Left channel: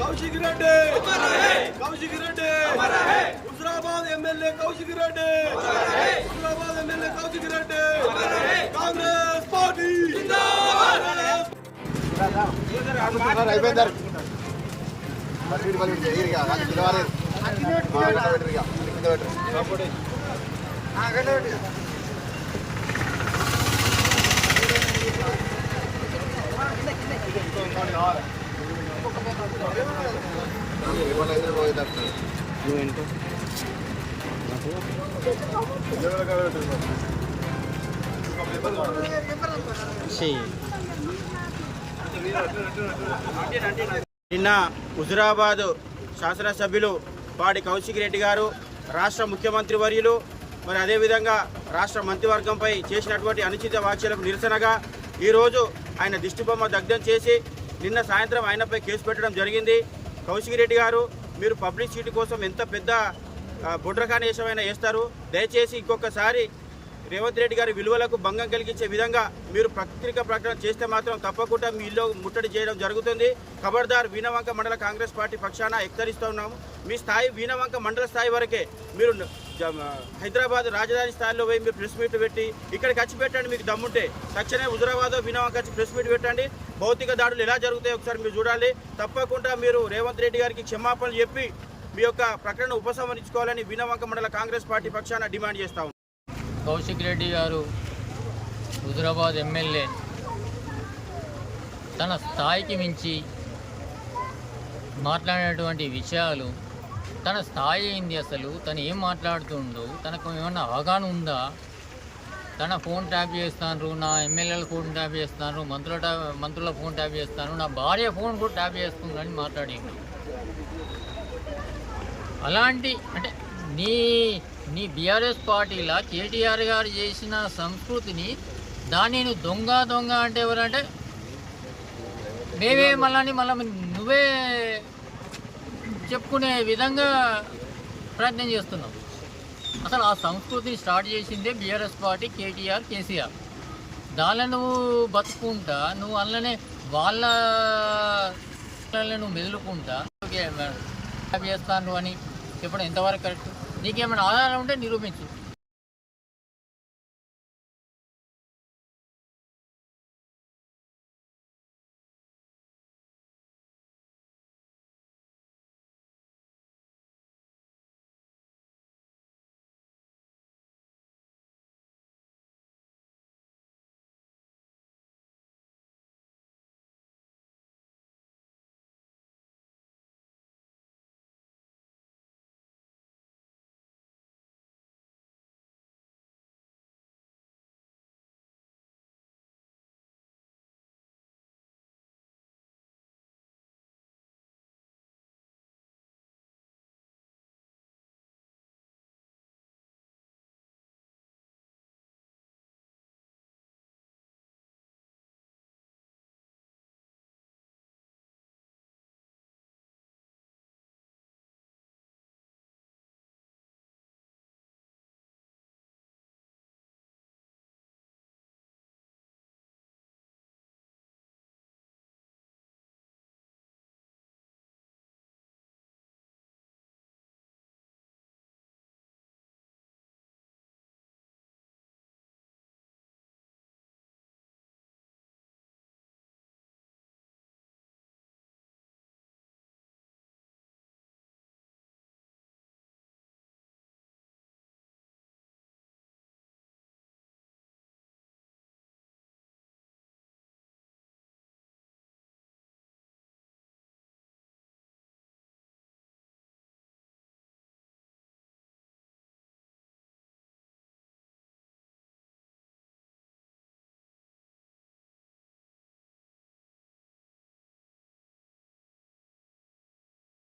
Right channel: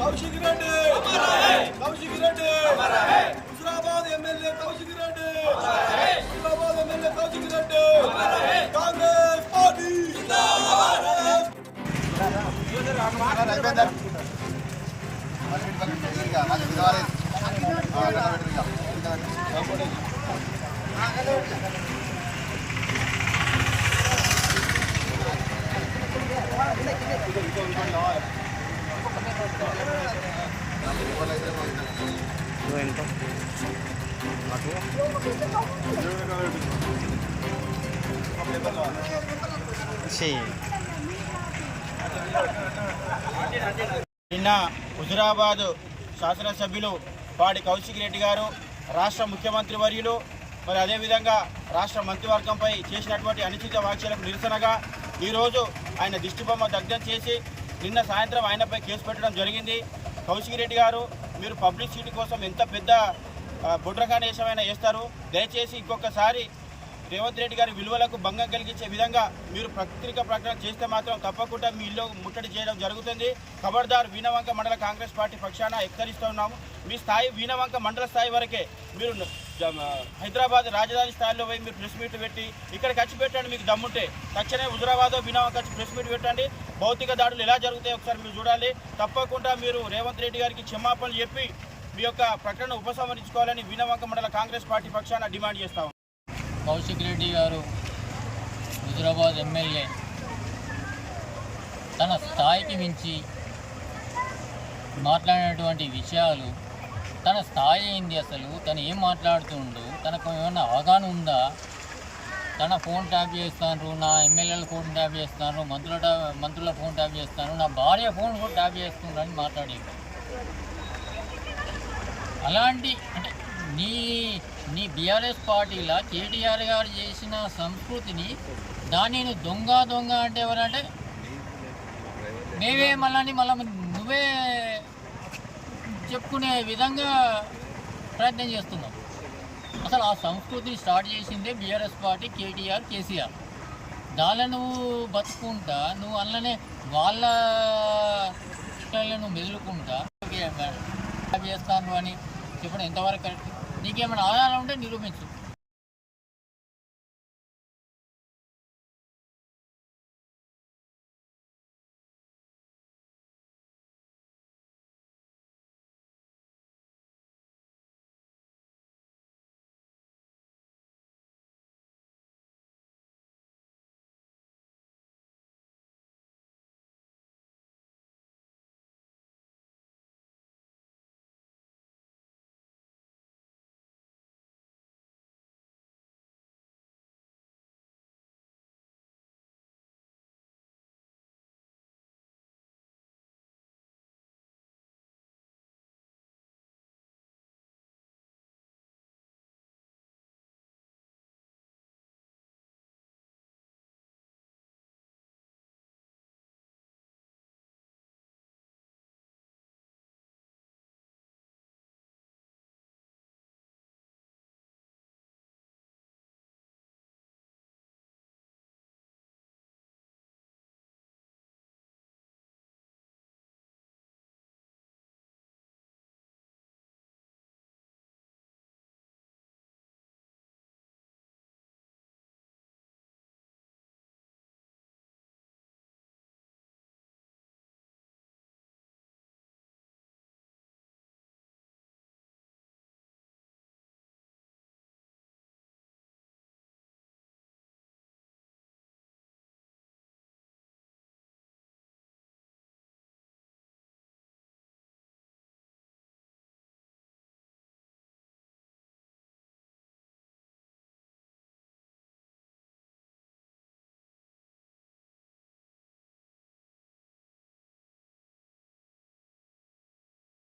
Kaushik Reddy Kaushik Reddy Huzurabad MLA Kaushik Reddy Huzurabad MLA Kaushik Reddy Congress party నిన్న హుజురాబాద్ శాసనసభ్యులు పాడి కౌశిక్ రెడ్డి గారు రాష్ట్ర ముఖ్యమంత్రి వర్యులు మరి అదేవిధంగా రాష్ట్ర మంత్రివర్గంపై చేసినటువంటి అనుచిత వ్యాఖ్యలకు నిరసనగా ఈరోజు ఆయన దిష్టిబొమ్మ దగ్ధం చేసి నిన్న సాయంత్రం ఆయనపై కేసు పెట్టడం జరిగింది. కౌశిక్ రెడ్డి గారు మీరు పబ్లిసిటీ కోసం ఎంత పెద్ద బుడ్రకానేశమైనా వేస్తారు. దయచేసి ఇంకొకసారి రేవంత్ రెడ్డి గారి విలువలకు భంగం కలిగించే విధంగా మీరు పత్రికా ప్రకటన చేస్తే మాత్రం తప్పకుండా మీ ఇల్లు ముట్టడి చేయడం జరుగుతుంది. ఖబర్దార్ వీణవంక మండల కాంగ్రెస్ పార్టీ పక్షాన హెచ్చరిస్తూ ఉన్నాము. మీ స్థాయి వీణవంక మండల స్థాయి వరకే. మీరు హైదరాబాద్ రాజధాని స్థాయిలో పోయి మీరు ప్రెస్ మీట్ పెట్టి ఇక్కడికి వచ్చి పెట్టండి. మీకు దమ్ముంటే తక్షణమే హుజురాబాద్ వీణవంక వచ్చి ప్రెస్ మీట్ పెట్టండి. భౌతిక దాడులు ఎలా జరుగుతాయో ఒకసారి మీరు చూడాలి. తప్పకుండా మీరు రేవంత్ రెడ్డి గారికి క్షమాపణలు చెప్పి మీ యొక్క ప్రకటన ఉపసంహరించుకోవాలని వీణవంక మండల కాంగ్రెస్ పార్టీ పక్షాన డిమాండ్ చేస్తా ఉన్నాం. కౌశిక్ రెడ్డి గారు హుజురాబాద్ ఎమ్మెల్యే తన స్థాయికి మించి మాట్లాడినటువంటి విషయాలు, తన స్థాయి ఏంది, అసలు తను ఏం మాట్లాడుతుండో తనకు ఏమన్నా అవగాహన ఉందా? తన ఫోన్ ట్యాప్ చేస్తాను, నా ఎమ్మెల్యేల ఫోన్ ట్యాప్ చేస్తాను, మంత్రుల ఫోన్ ట్యాప్ చేస్తాను, నా భార్య ఫోన్ కూడా ట్యాప్ చేస్తున్నాను అని మాట్లాడింది. అలాంటి అంటే నీ బీఆర్ఎస్ పార్టీలా కేటీఆర్ గారు చేసిన సంస్కృతిని దాన్ని దొంగ అంటే ఎవరంటే మేమే మళ్ళీ నువ్వే చెప్పుకునే విధంగా ప్రయత్నం చేస్తున్నాం. అసలు ఆ సంస్కృతిని స్టార్ట్ చేసిందే బీఆర్ఎస్ పార్టీ, కేటీఆర్, కేసీఆర్. దానిలో నువ్వు బతుకుంటా, నువ్వు అందులోనే వాళ్ళ నువ్వు మెదులుకుంటా చేస్తాను అని చెప్పడం ఎంతవరకు కరెక్ట్? నీకేమైనా ఆధారం ఉంటే నిరూపించు.